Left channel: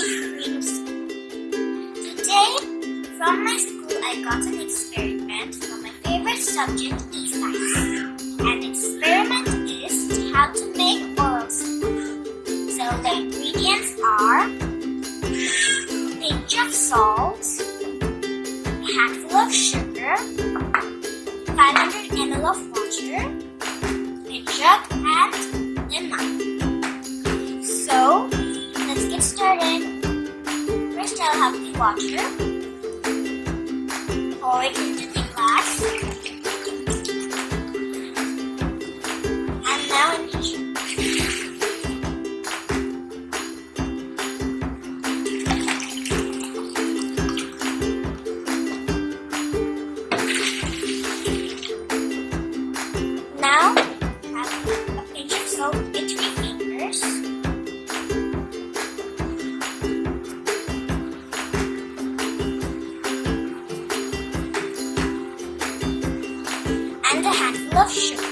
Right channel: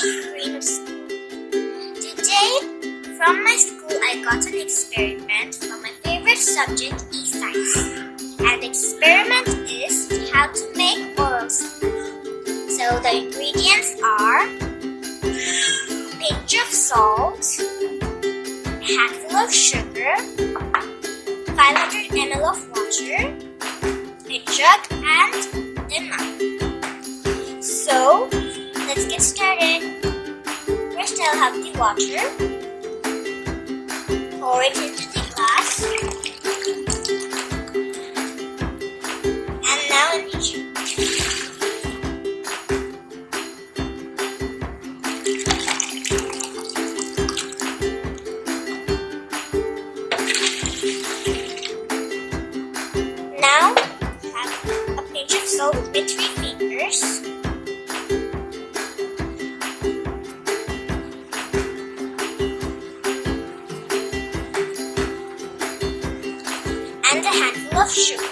Cream School. Today, from my school, I got an experiment from my favorite subject, e-science. And the experiment is how to make oral saline. So the ingredients are a pinch of salt, a handful of sugar, 500 ml of water, a jug, and a knife. So, let's get started. First, I'll have the water. Pour it into the glass. And now in the jug. Now, have a pinch of salt with 3 fingers. And a handful of sugar.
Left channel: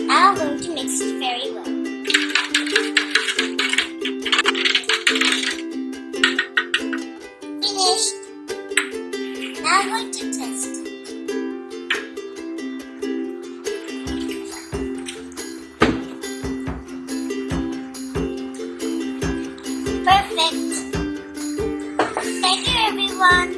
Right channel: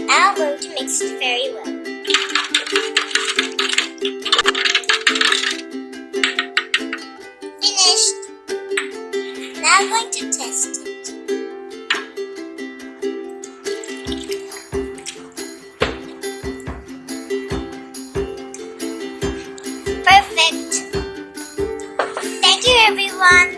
And I'm going to mix it very well. Finished! Now I'm going to test it. Perfect! Thank you, everyone!